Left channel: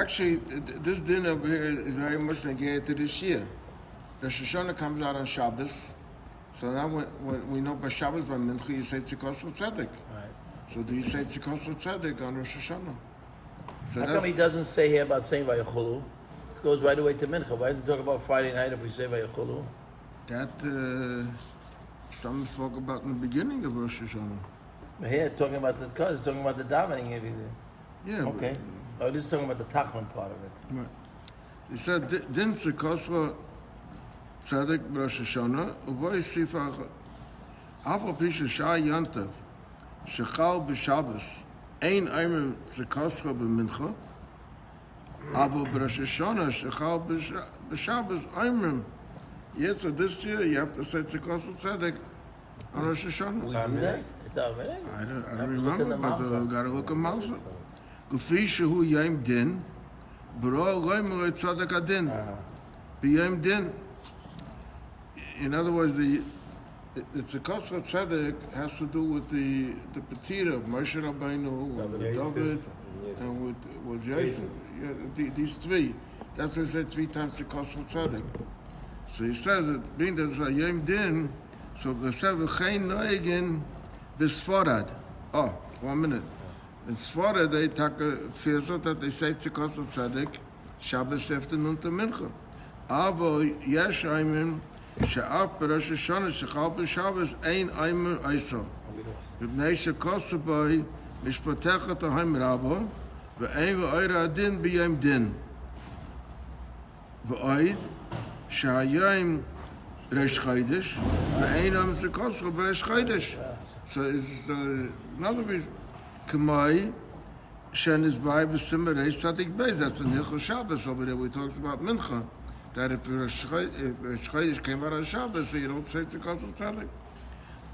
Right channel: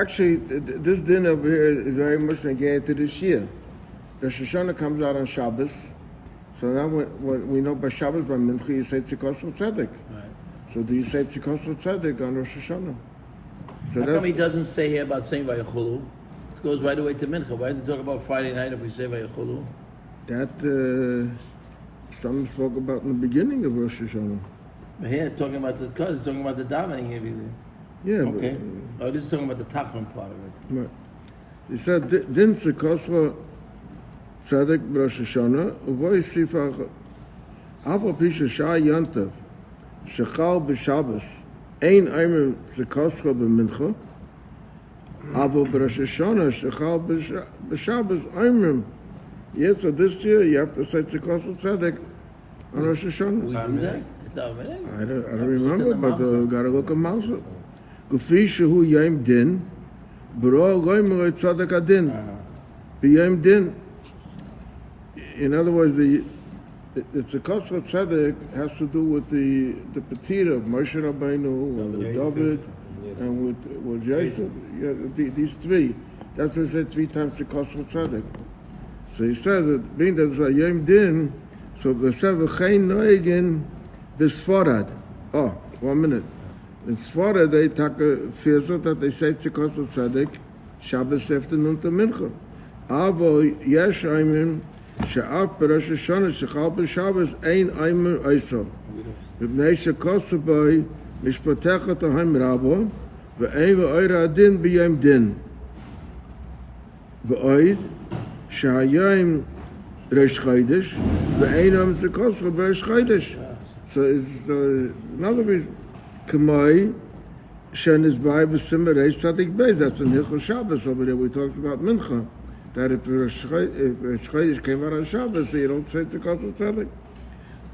Actually, this din over here is very much negated to this year. Rosh Hashanah comes out on Shabbos, so now when we know by Shabbos, by Mincha, you say Tzikos Tzedek. So do you say Tzikos Tzedek on Rosh Hashanah? So how come he doesn't say here about saying Vayachulu? It goes right away to Mincha. Why did he talk about Friday night if we say Vayachulu? That some spoke about in the beginning of Rosh Hashanah. Here, talking about the Tzidkos, talking about the davening. Yeah, okay. But this is talking about the Tachlan part of it. Right. He said, Din Tzikos Tzedek Rosh Hashanah, Uvoy Sifach, Afal Pisha Shah Yantav, Shechal B'Shabbos, Ein Eimer Tzikos B'Mincha, Afal B'Rosh Hashanah, Shechal B'Shabbos, Eimer. Yes, so this year you have to say Tzikos Tzedek on Rosh Hashanah. We do that? I don't remember, but gotta look at Mousa. Gufi shehu yom din, b'ro goyim tzedek adin, b'yom din. In other words, it's a Tzikos Tzedek has to do with the Petira of Moshe Rabbeinu and with David and with Yosef. Yeah, these three. That's what he said 3 times Tzikos Tzedek. So he says that being that it's a yom din, so v'sev v'chein noegin b'sfarad. Oh, 1 minute. In Sfarad, they take a firsut that they say Tzikos Tzedek Shabbos afternoon to Mincha. Avo yesh aymin she'af b'Rosh Hashanah shechal b'Shabbos ein aymer eisel. V'bnei shekosu b'ay mishpatecha tohem rabo v'ein v'oira adin b'yom din. V'oid she'hayim Rosh Chodesh v'ein am Tzikosu b'Rosh Chodesh. So it's another reason. Kamai Shen is by B'Simmer Reish Tzadik Beis. That's in Hilchos Shabbos over there. We talks about Mincha. That if Rosh Chodesh came out on Shabbos, so you don't say Tzikos Tzedek.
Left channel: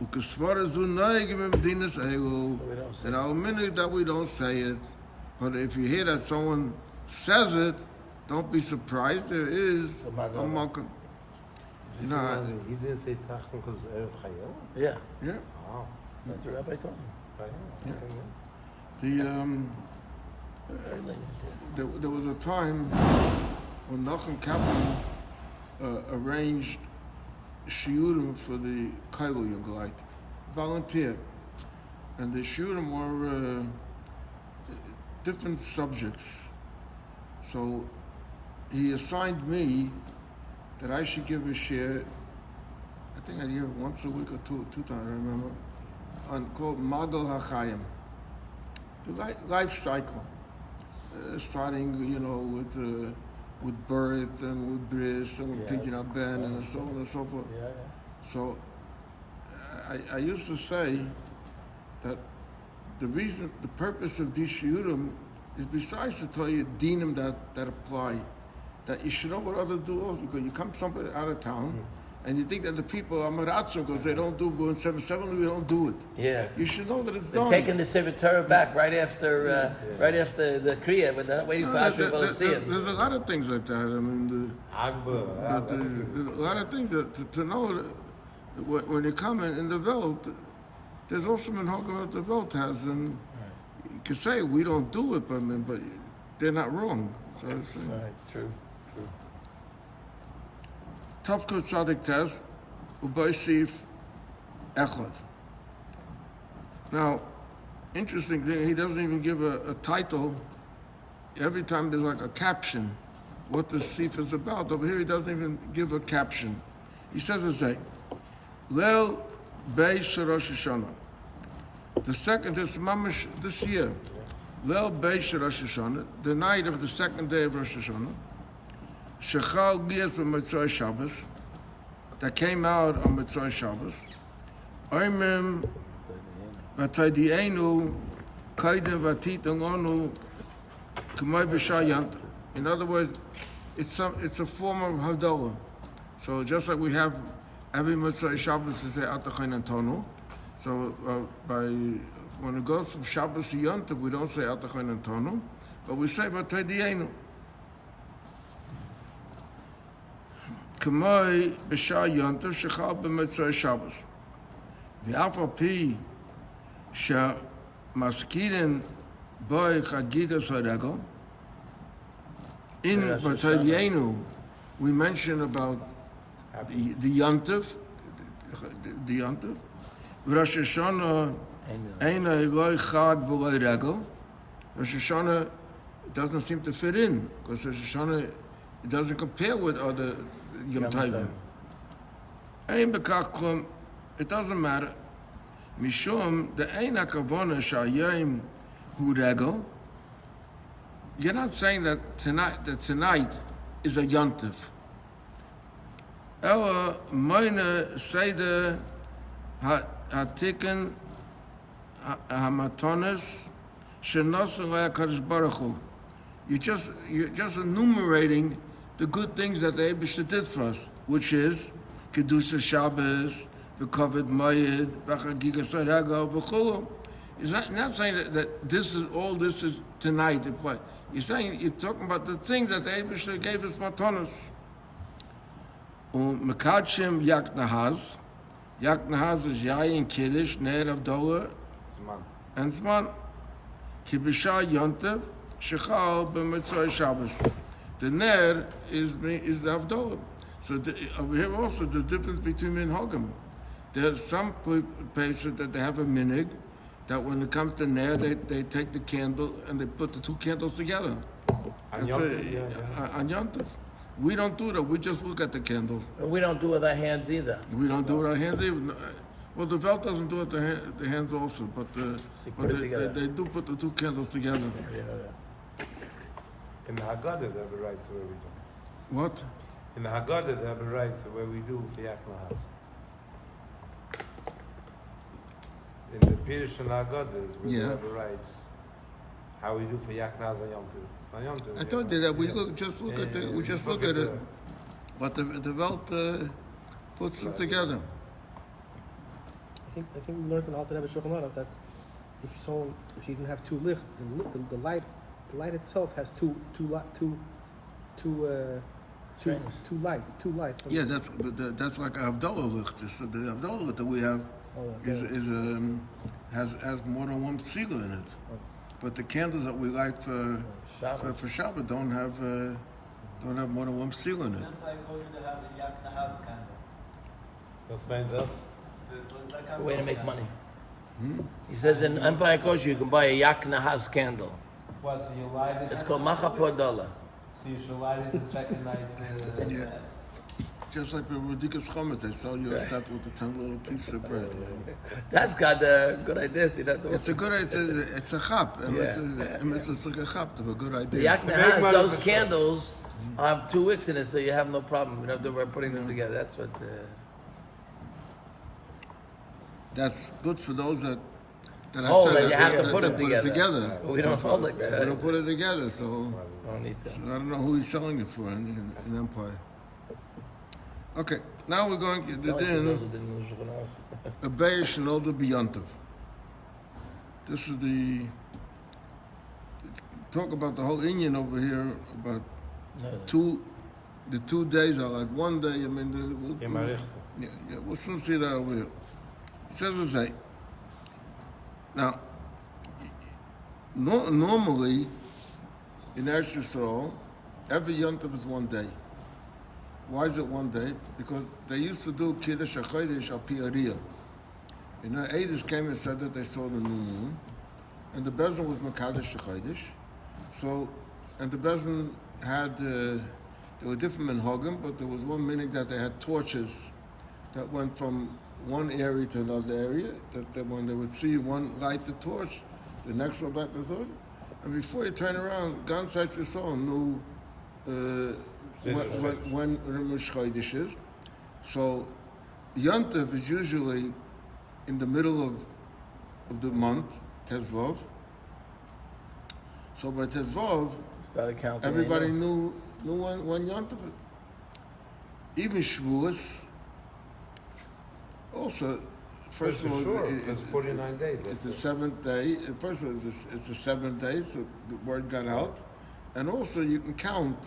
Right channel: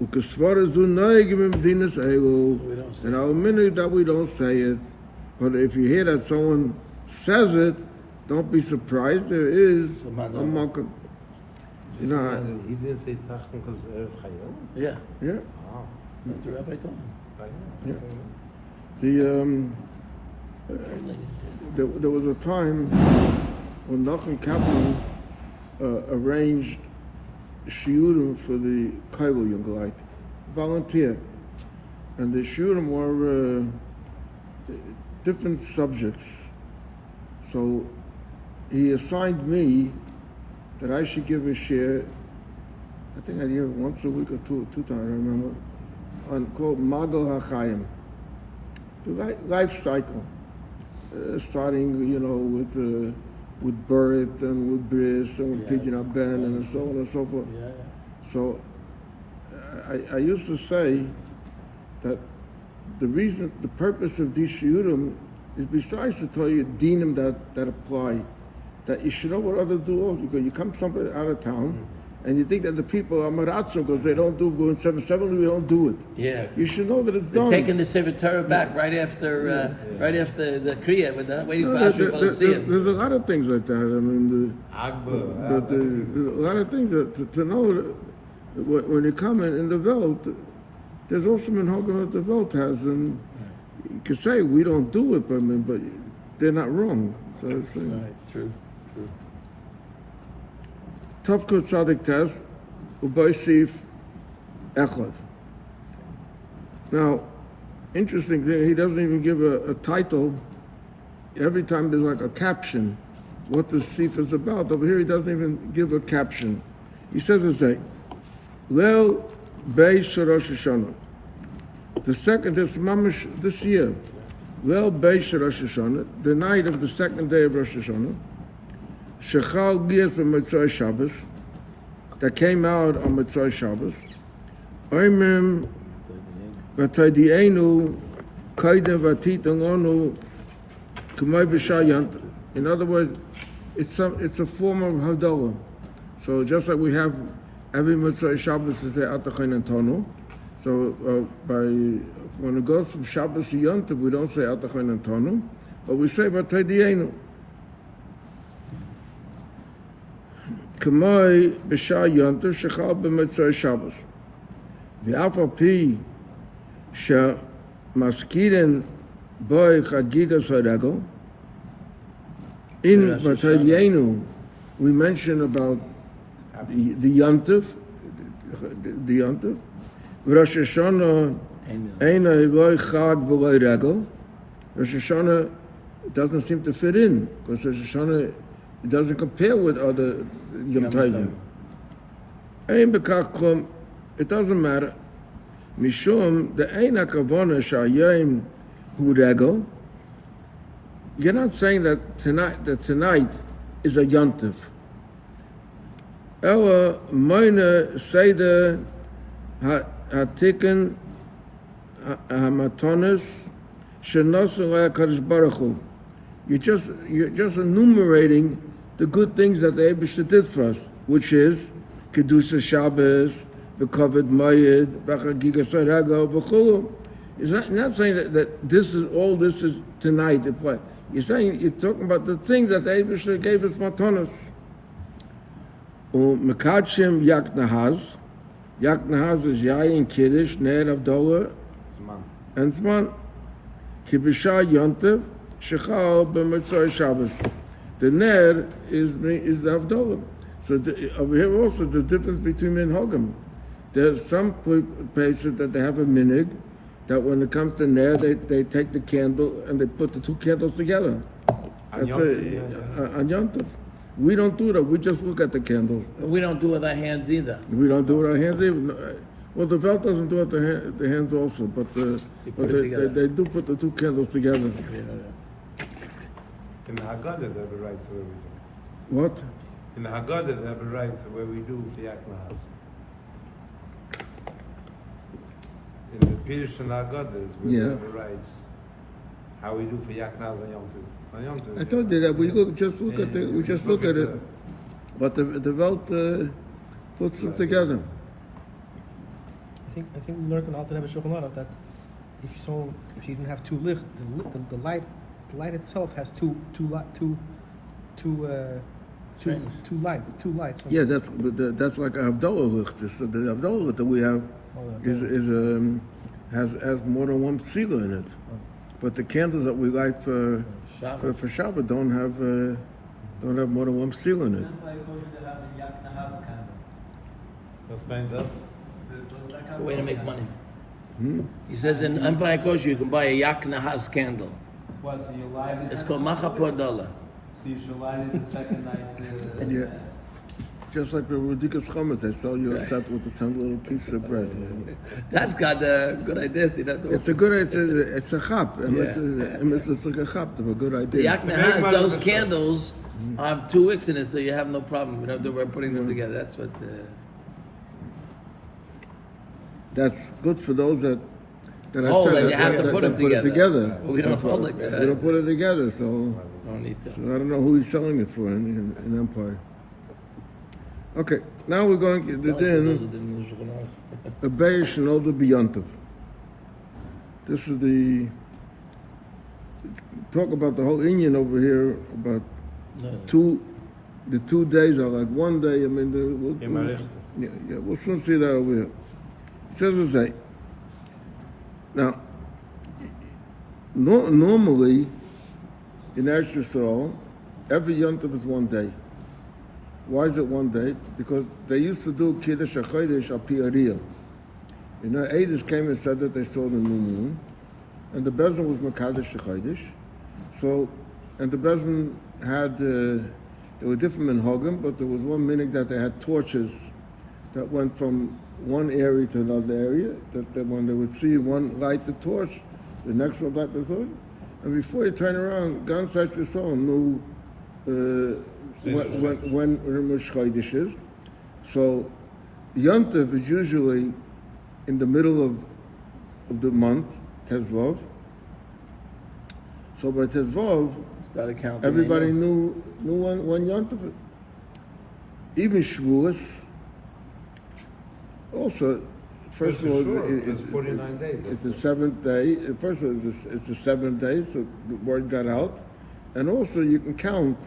Ukesvara zu noeg b'medinas elu. And our minute that we don't say it, but if you hear that someone says it, don't be surprised. There is a makom. You know. He didn't say Tachlan because Erev Chayil? Yeah. Yeah. Wow. That's what Rabbi told him. Yeah. There was a time when Nachum Kaplan arranged shiurim for the Kaiwa Young volunteer, and the shiurim were different subjects. So he assigned me that I should give a share. I think I give it once a week or two times. I remember, on called Magal HaChaim. The life cycle, starting, with birth and with bris and with pidyon ben and so on and so forth. Yeah. So I used to say that the purpose of these shiurim is besides to tell you dinim that apply, that you should know what others do also, because you come somewhere out of town, and you think that the people are maratzo because they don't do go in 7-7, we don't do it. Yeah. You should know that it's They're done. taking the Sefer Torah back right after the Kriya, but they're not waiting for Ashur to see it. There's a lot of things like that. I mean, there's a lot of things to know that when you come in the Welt, there's also minhagim that the Welt has, and you can say we don't do it, but they're not wrong. So it's True. Tavkot Tzadik Tes, Ubaisif Echad. Now, interesting thing, he doesn't even give a title. Every time there's like a caption, what the Sif is about. Over here, he doesn't even give a caption. He says it's like, Leil Beish Rosh Hashanah. The second, this year, Leil Beish Rosh Hashanah, the night of the second day of Rosh Hashanah, Shechal Gias b'Motzei Shabbos, that came out on Motzei Shabbos. Oimim v'taydienu kaidem v'titangonu k'may b'shayant. In other words, it's a form of Havdalah. So just like we have every Motzei Shabbos we say Atachayin Antonu. So when it goes from Shabbos to Yontiv, we don't say Atachayin Antonu, but we say v'taydienu. Kamoi b'shah yontiv shechal b'motzei Shabbos. V'af al pi she'maskirin boi chagigas haregel, In Rosh Batalyenu, we mentioned about the Yontif, the Yontif. Rosh Hashanah, Eina Eloi Chad V'Loi Regel. Rosh Hashanah doesn't seem to fit in because Rosh Hashanah it doesn't compare with other Yom Tovim. Ein B'Kach Klum, it doesn't matter. Mishum the Ein HaKavona Sha'ayim Hu Regel. You're not saying that tonight is a Yontif. Ella Meine Seder HaTiken HaMatonis Shenosu LaKadosh Baruch Hu. You're just enumerating the good things that the Eibusha did for us, which is Kedusha Shabbos, the Kavod Mayid, B'Chagigas Hagel, V'Chulu. It's not saying that this is tonight. You're saying you're talking about the things that the Eibusha gave us matonos. Mekadshim Yak Nahaz. Yak Nahaz is Yayin Kiddush, Ner Avdolah, and Zman. Kibisha Yontev, Shechal B'Mitzvah Shabbos. The Ner is the Avdolah. So over here also there's difference between minhagim. There's some places that they have a minhag that when it comes to Ner, they take the candle and they put the two candles together. That's on Yontev. We don't do that. We just look at the candles. We don't do it with our hands either. We don't do it with our hands either. Well, the Velt doesn't do it with the hands also, but they do put the two candles together. In the Haggadah, they have a right, so we do. What? In the Haggadah, they have a right, so where we do for Yaakov house. In the Pirish and Haggadah, we have a right. How we do for Yaakov house on Yom Tov. I told you that we just look at it, but the Velt puts them together. I think we learned about the Shulchan that if you didn't have two light, the light itself has two lights. Yeah, that's like a Havdalah licht. So the Havdalah licht that we have has more than one seal in it, but the candles that we light for Shabbat don't have more than one seal in it. Explain this. It's a way to make money. He says in Empire Kosher you can buy a Yak Nahas candle. What, so you light it? It's called Machapor Dollar. So you should light it the second night. Yeah. Just like the Rudikas Chametz, they sell you a set with a 10 little piece of bread. You know? That's got good ideas. You know, It's a chap. It's like a chap. A good idea. Yak Nahas, those candles have 2 wicks in it, so you have no problem. You don't have to worry putting them together. That's what. That's good for those that I Oh, said that you that have to put put it together. We don't hold like that. We don't put it together, so Bonito. I don't know who he's selling it for in Empire. Okay, now we're going to the din. A Beis Shenoda B'Yontiv. This is the talk about the whole Indian over here about the 2 days are like one day. I mean, we'll soon see that over here. It says to say, now, normally in Eretz Yisrael, every Yom Tov is 1 day. Why is it 1 day? Because they used to do Kiddush HaChodesh al Pi Ariyah. You know, Eidos came and said that they saw the new moon, and the Bezin was Mekadosh HaChodesh. So, and the Bezin had, there were different minhagim, but there was one minhag that they had torches that went from one area to another area, that when they would see one light the torch, the next one light the torch, and before you turn around, Gan Sach Yisrael knew when Rosh Chodesh is. So Yom Tov is usually in the middle of the month, Tezvav. So by Tezvav, everybody knew when Yom Tov. Even Shavuos. Also, first of all, it's 49 days. It's the 7th day. First of all, it's the 7th day, so the word got out. And also, you can count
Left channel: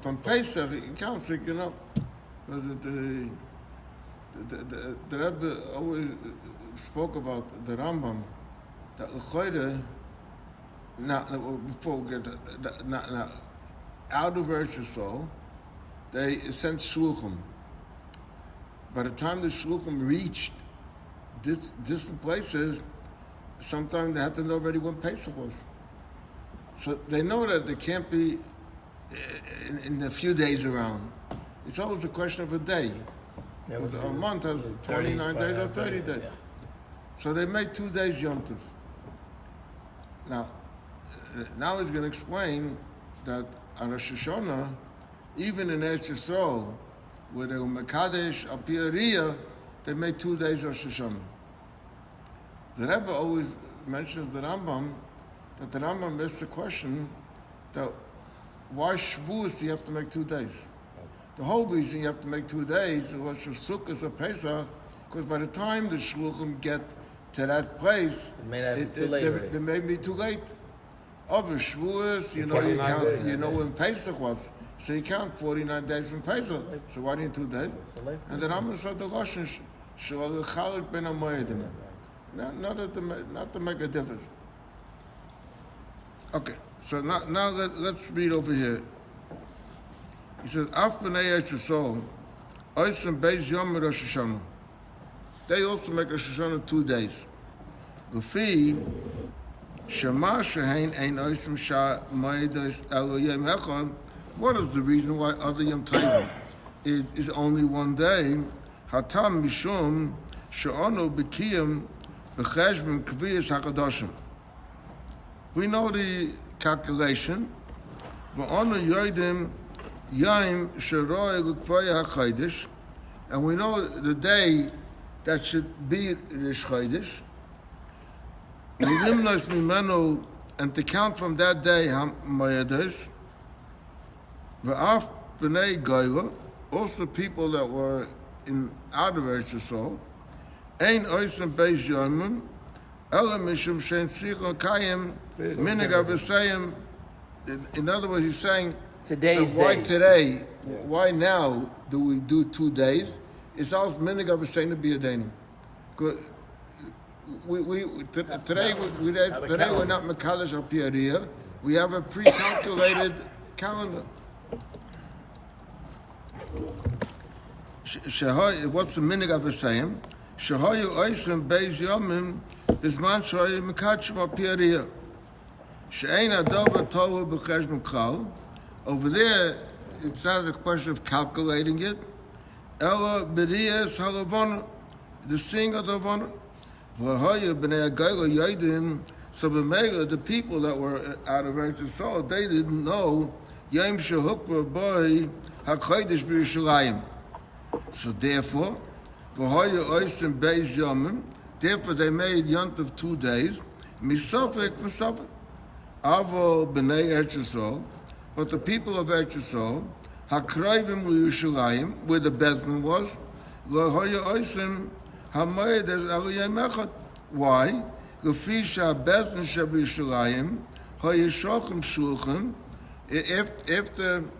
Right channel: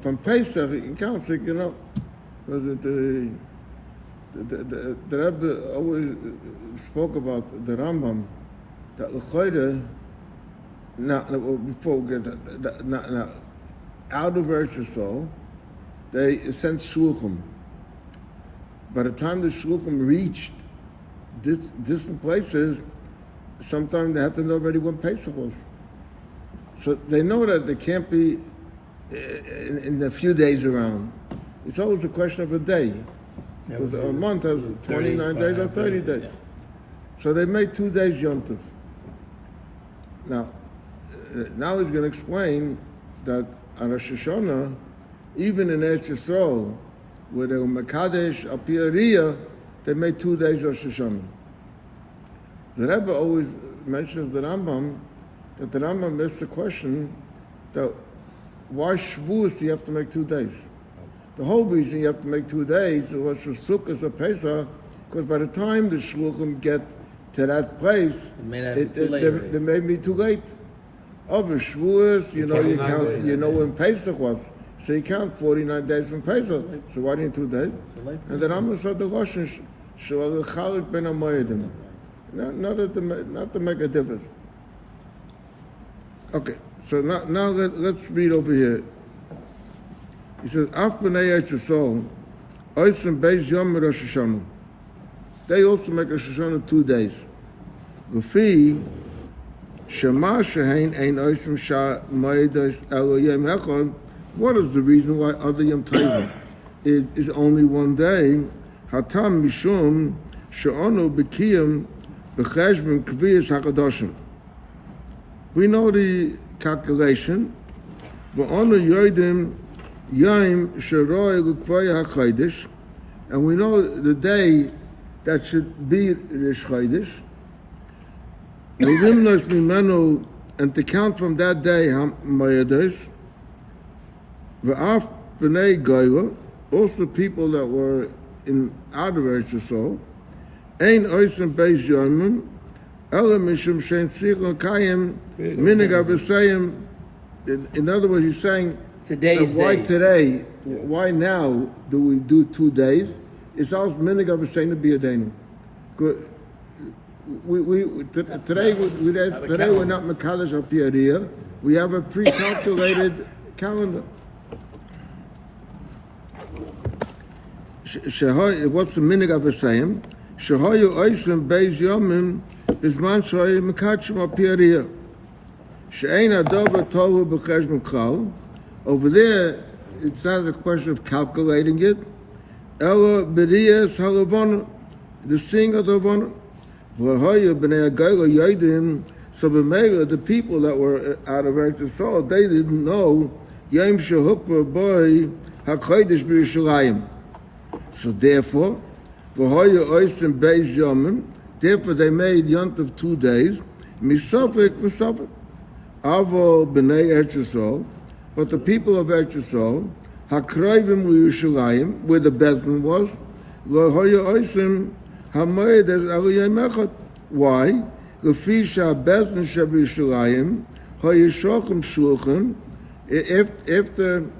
from Pesach. You can count, so you know, was it the Rebbe always spoke about the Rambam that l'choyre. Now, before we get that, out of Eretz Yisrael, they sent shulchim. By the time the shulchim reached distant places, sometimes they had to know already when Pesach was. So they know that they can't be in a few days around. It's always a question of a day. Because a month has 29 days or 30 days. So they made 2 days Yom Tov. Now he's going to explain that on Rosh Hashanah, even in Eretz Yisrael, where they were Mekadesh, Al Pi Ariyah, they made 2 days Rosh Hashanah. The Rebbe always mentions the Rambam, that the Rambam asks the question that why Shavuos do you have to make 2 days? The whole reason you have to make 2 days was for Sukkot or Pesach, because by the time the Shluchim get to that place, they may be too late. Over Shavuos, you know when Pesach was, so you count 49 days from Pesach. So why didn't 2 days? And the Rambam said the Lashon Shel Chalik Ben Hamoedim, not to make a difference. Okay, so now let's read over here. He says, Af b'nei Eretz Yisrael, oisem beis yom Rosh Hashanah. They also make Rosh Hashanah 2 days. Gufi, shema shehein ein oisem sha moedos elo yom echad. What is the reason why other Yom Tovim is only 1 day? Hatam mishum she'onu b'kiyam b'cheshbon kviyas hakadoshim. We know the calculation. V'onu yoidim Yom Sheroi L'Kvaya HaChodesh, and we know the day that should be Rish Chodesh. L'limnos mimenu, and to count from that day Ha'moedos. V'af b'nei Goyla, also people that were out of Eretz Yisrael. Ein oisem beis yomim, ela mishum shein tzricha kayim minig avosayim. In other words, he's saying, why today, why now do we do 2 days? It's also minig of a saying to be a danim. Today we're not Mekadesh Al Pi Ariyah. We have a pre-calculated calendar. What's the minig of a saying? Shehoyu oisem beis yomim bizman shoyu Mekadesh Al Pi Ariyah. She'ein adova tohu b'cheshbon kol. Over there, it's not a question of calculating it. Ella b'riyas halavon, the sing of the von. V'hoya b'nei agayla yodim. So the people that were out of Eretz Yisrael, they didn't know Yom Shehukva Boi HaKodesh B'Yerushalayim. So therefore, v'hoya oisem beis yomim. Therefore, they made Yom Tov 2 days. Misafik. Avo b'nei Eretz Yisrael. But the people of Eretz Yisrael, Hakroivim L'Yerushalayim, where the Bezdin was, Lo Hoya Oisim Hamoed as Aliyah Mechad. Why? L'fi Bezdin Sheb Yerushalayim Hoya Shochem Shulchan. After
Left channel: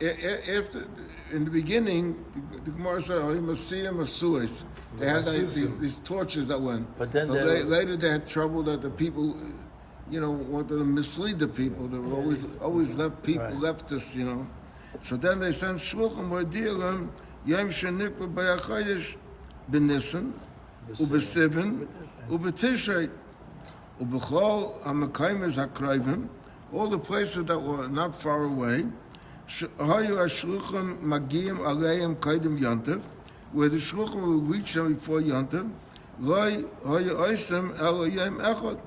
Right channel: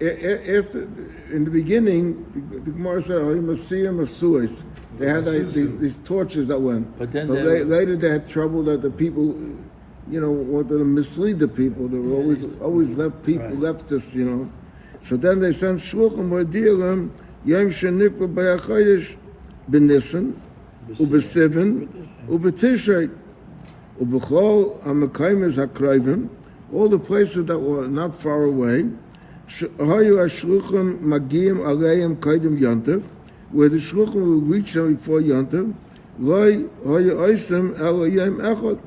in the beginning, the Gemara said Hoya Masiyah Masuis. They had these torches that went. But later they had trouble that the people, wanted to mislead the people. They were always leftists, So then they sent shluchim v'di'elam yom shenikra b'yachodesh b'nissen u'b'sivan u'b'tishrei u'b'chol ha'mekaymes ha'krayvim, all the places that were not far away. Hayu ha'shluchim magiyim aleim kaidem yontev, where the shluchim would reach them before yontev. Loi hayu oisem elo yom echad.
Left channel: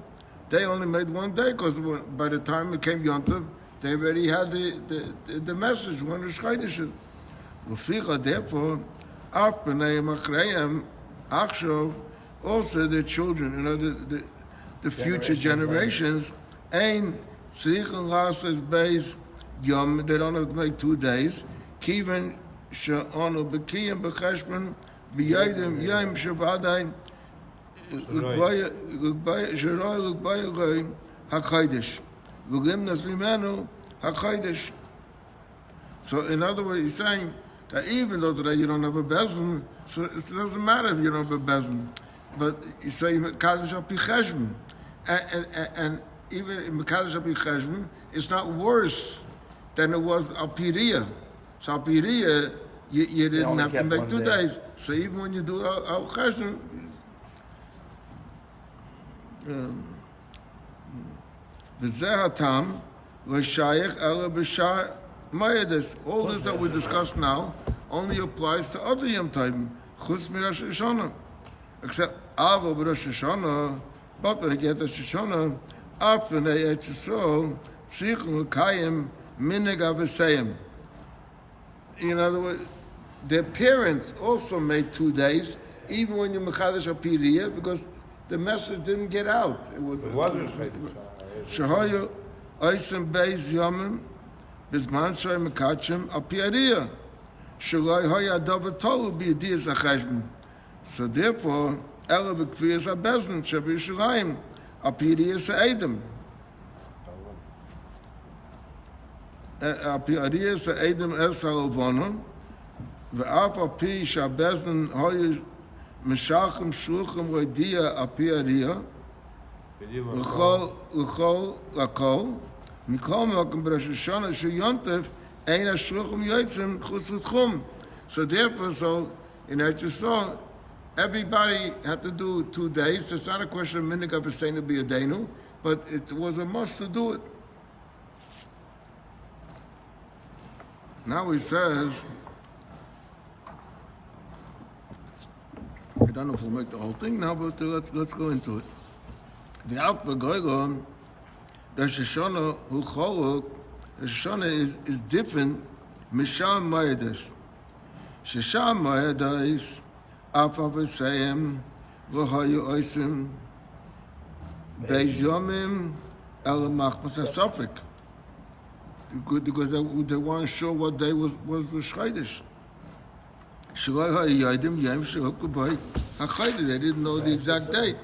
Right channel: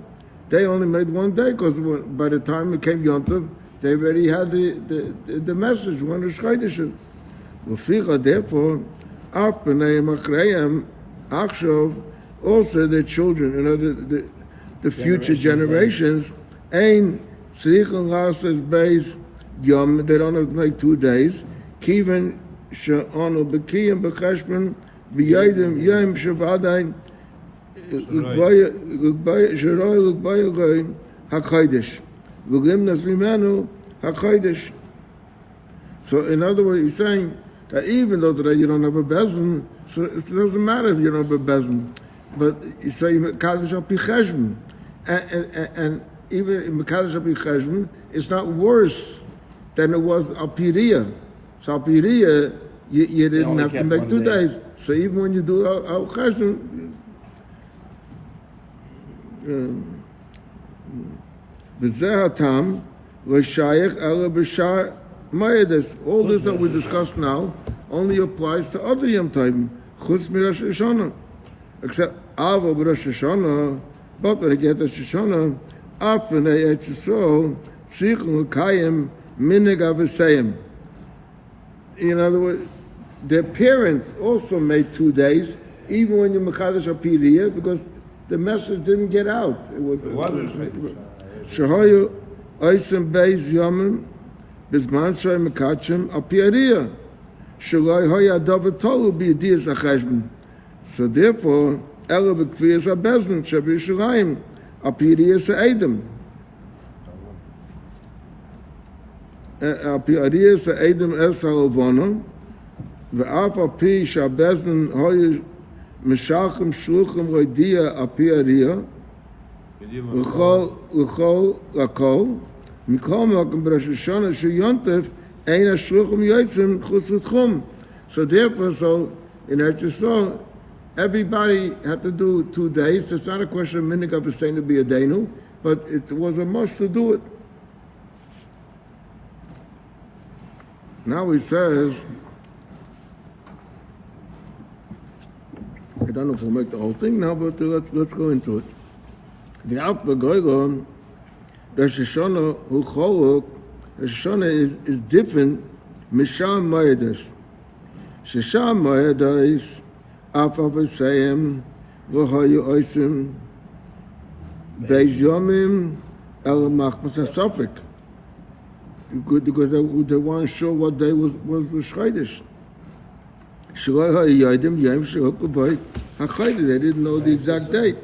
They only made 1 day because by the time it came Yontav, they already had the message, one of the Shchaydish. Therefore, Af b'nei Machrayim, Achshov, also their children, the future generations, Ein Tzrichel Lasses Beis Yom, they don't have to make 2 days, Kiven She'onu B'kiyim B'cheshbon B'yaydim Yom Shavadayin HaKodesh. HaKodesh. So in other words, he's saying that even though today you don't have a bezin, so it doesn't matter if you don't have a bezin. But you say Mekadesh Al Pi Cheshbon. And even in Mekadesh Al Pi Cheshbon, it's not worse then it was Alpiria. So Alpiria, you didn't only have to kept make one 2 day. days. So even when you do Al Cheshvan, V'zeh hatam l'shayich ela b'shar ma'edes. All this that we discussed now only applies to other Yom Tovim, chutz miRosh Hashanah. Except Ava b'Rosh Hashanah, but when I get Rosh Hashanah, af v'nei et Yisrael, tzrichun l'kayim minig avosayim. In other words, their parents also made 2 days, even when you mechadash apiriya, because the message didn't get out. It was Shahoyu oisim beis yomim bizman shoy mekachim apiriya. Shaloi hoya davar tolu b'yediyas acheshbon. So therefore, ela b'kviyas habezin shabi Yerushalayim apiriyas ha'edem. Apiriyas ha'edem es ha'alvona ve'af al pi shabezin hoya Meshachim shulchim roidia apiriya l'chol lakol mikol makom b'Rosh Hashanah sheyontef ein hashulchim yotzim chutz l'tchum. So therefore, in Eretz Yisrael, everybody had to do 2 days. It's not a question of minig avosaynu b'yadeinu, but it was a must to do it. Now he says, I don't know if we'll make the whole thing now, but let's go into it. The Begoygon, Rosh Hashanah hu cholok. Rosh Hashanah is different. Misham Moedes. Shesham Moedes af avosayim v'hoyu oisim beis yomim el machmas hasafik. Because they weren't sure what day was the Chodesh. They didn't know the exact date.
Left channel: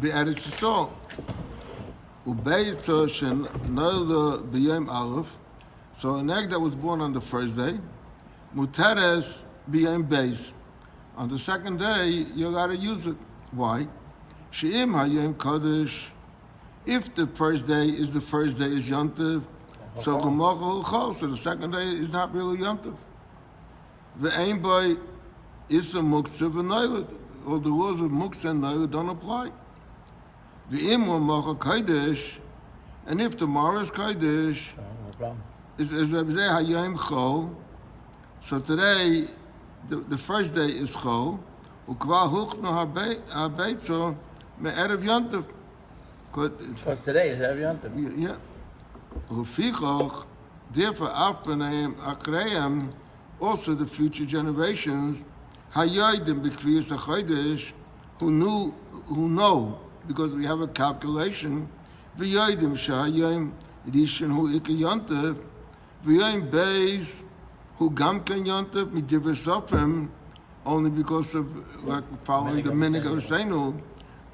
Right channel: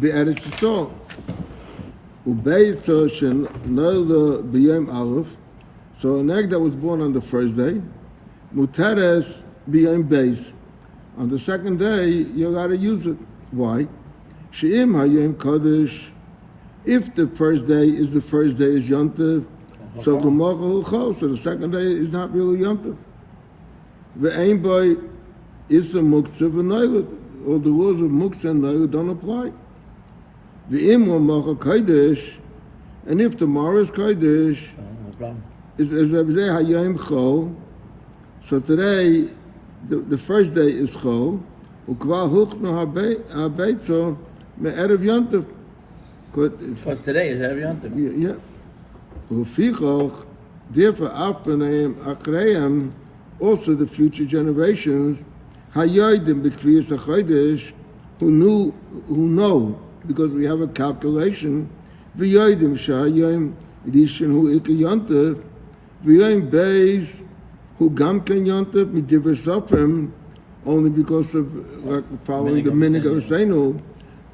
Be added to Saul. So an egg that was born on the first day, Muteres b'yom beis. On the second day, you got to use it. Why? She'im hayom kodesh. If the first day is Yom Tov, so Gemocha Chol. So the second day is not really Yom Tov. Ve'ein by Issa Muktzah v'Noilad. All the rules of Muktzah and Noilad don't apply. Ve'im Macha Kodesh, and if tomorrow is Kodesh, is Hayom Chol. So today, the first day is Chol. Ukvar Huchno HaBeitzo me'erev Yom Tov. Because today is every Yom Tov. Yeah. Ufichoch, therefore, Afpaneim Akreim, also the future generations, Hayodim B'Kviyas HaChodesh, who know, because we have a calculation, V'yodim Shahayim Rishon Hu Ika Yontev, V'yodim Beis Hu Gamken Yontev Midiver Sofrim, only because of following the minig of Seinu,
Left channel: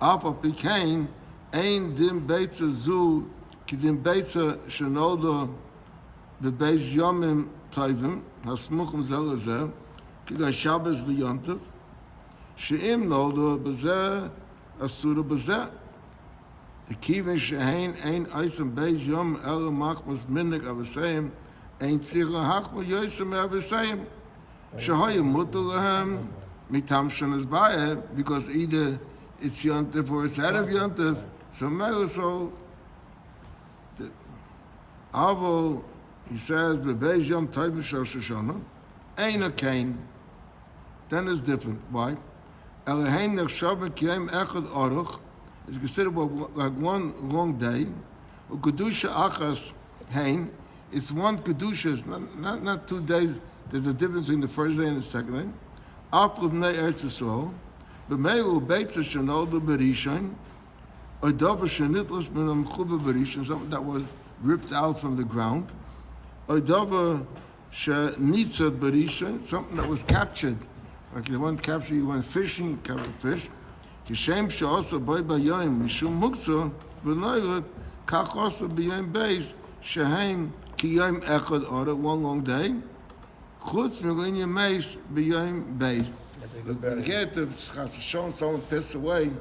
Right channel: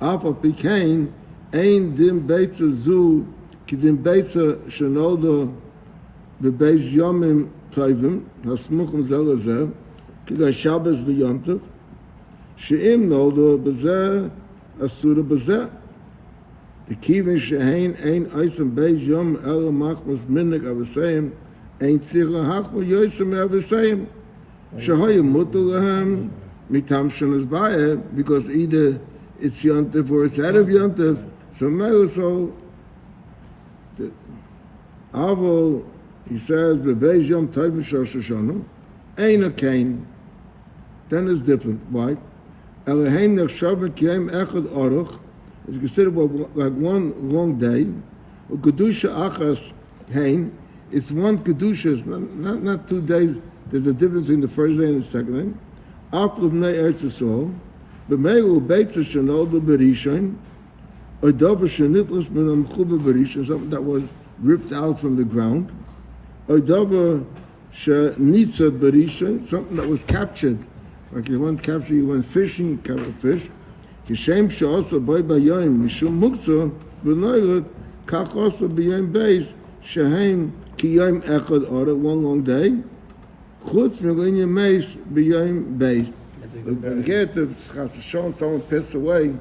Alpha Pikain, Ein Dim Beitza Zu, Kidim Beitza Shanoda Bebeis Yomim Tovim, Hasmuchim Zelazeh, Kidai Shabbos V'Yontev, She'im Noda Bezeh, Asura Bezeh. The Kivin Shehain Ein Eisem Beis Yom Ela Machmas Minig Avosayim, Ein Tzirah Hachma Yosem Avosayim, Shehoyim Mutter Lahem, Mitam Shanas Bayeh, because either it's Yontev or it's out of Yontev, so Avo, he says, Bebeis Yom Tovim Shel Shoshana, Ein a Kain. Then it's different. Why? Elahein Nechshav Kiyem Echad Aruch is considered like one long day. Kedusha Achas Hein, it's one Kedusha, not 2 days. There's a difference between the first day and the second day. Apl Bnei Eretz Yisrael, B'meilu Beitza Shenodu Berishon, or Dover Shenitlos Min Amchuba Berishon, something that was ripped out from the ground, or Dover Shenitza Berishon, something that was captured. Like you went capture, you went fishing, caught a fish. Kishem she'osa boy b'yoyim mishum mukso v'noilot kach osa b'yoyim beis shehem ki yoyim echad ora, one long day. Chutz v'goyin yemeis b'yoyim beis. But get to show someone passed away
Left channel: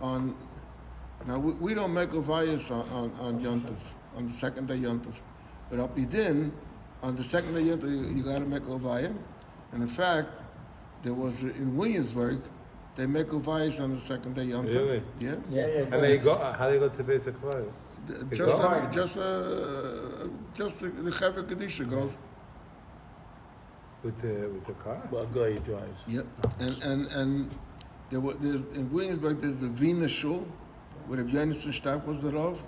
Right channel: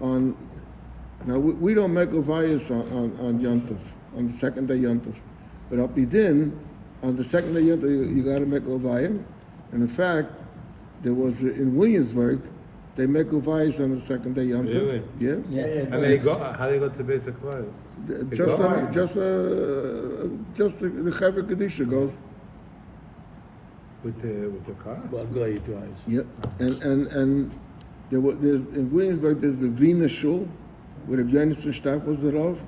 on. Now we don't make a vias on Yom Tov, on the second day Yom Tov. But up Yidin, on the second day Yom Tov, you got to make Ovayim. And in fact, there was in Williamsburg, they make Ovayis on the second day Yom Tov. Really? Yeah. And they go, how they go to basic Friday? Just the Chaver Kadisha goes. With the car? Well, guy drives. Yep. And there's in Williamsburg there's the Wiener Shul, where Rabbi Yonason Stark was the Rav.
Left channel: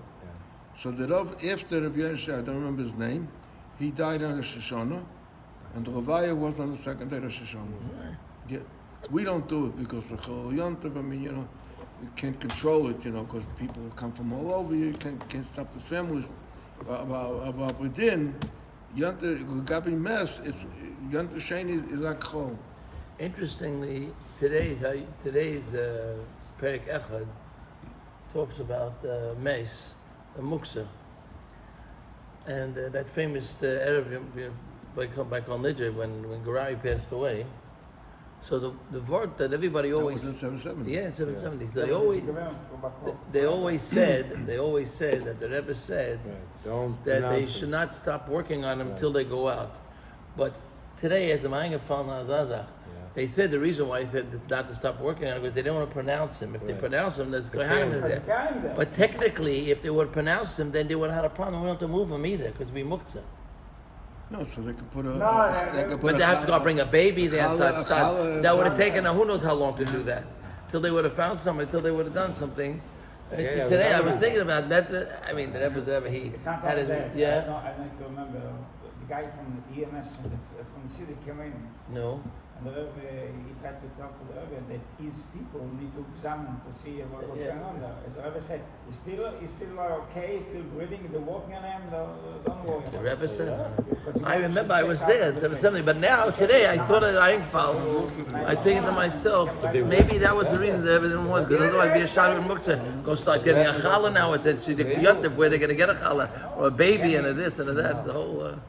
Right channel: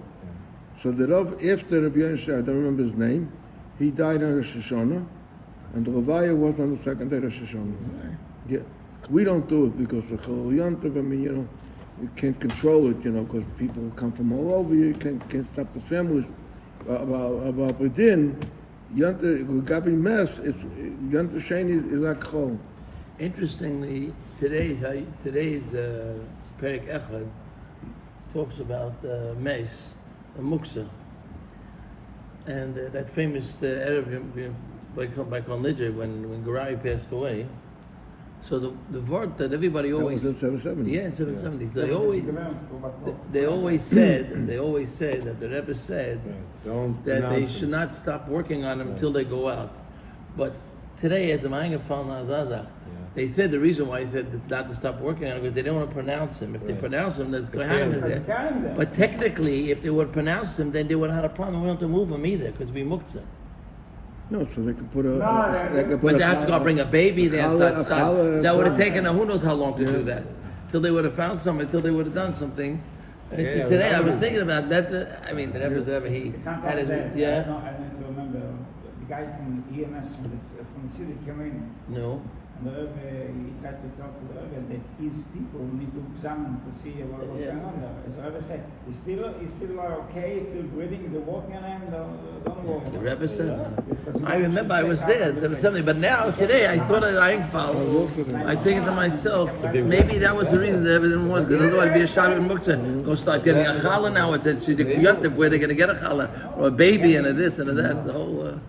So the Rav after Rabbi Yonason, I don't remember his name, he died on Rosh Hashanah, and the Ravaya was on the second day Rosh Hashanah. Yeah. We don't do it because the Chol Yom Tov, I mean, you can't control it, because people come from all over, you can't stop the families. About within, Gabi Mess, Yom Tov Sheni is like Chol. Interestingly, today's Perek Echad talks about Meis, Muksa, and that famous Erev by Nidja when Garai passed away. So the word that everybody always That was in 770. yeah, in 770. So they always said that the Rebbe said Don't that they pronounce should not stop working on them until they go out. But today, as a Mangafal they said the reason why he said not to stop working on it because they don't want to pronounce them. If they pronounce them, there's Kohanim there. But technically, if they would pronounce them, then they would have had a problem. We don't have to move them either because we muktzah. No, so they could put a. But they have to go bring a baby there. That would have taken who knows how long to do that. Till they would have found something. Till they would have done something. Today, I was thinking about that. I mean, the Rebbe's ever he had his I yeah. don't remember the guy from the EMS from the city came in. No. And the Rebbe, he tried to tell to the Rebbe that his people need to examine to see what was going on there. As the Rebbe said, he's still okay, he's still breathing, they're walking on him, don't worry. The Rebbe said. I remember I was there. But now today I thought that I didn't follow. I think to myself, maybe that was the reason the Rebbe didn't want. Because otherwise, be a shot in muktzah. Go start getting a challah now. It's where they're going to get a challah or a baby and a this and a that. The whole.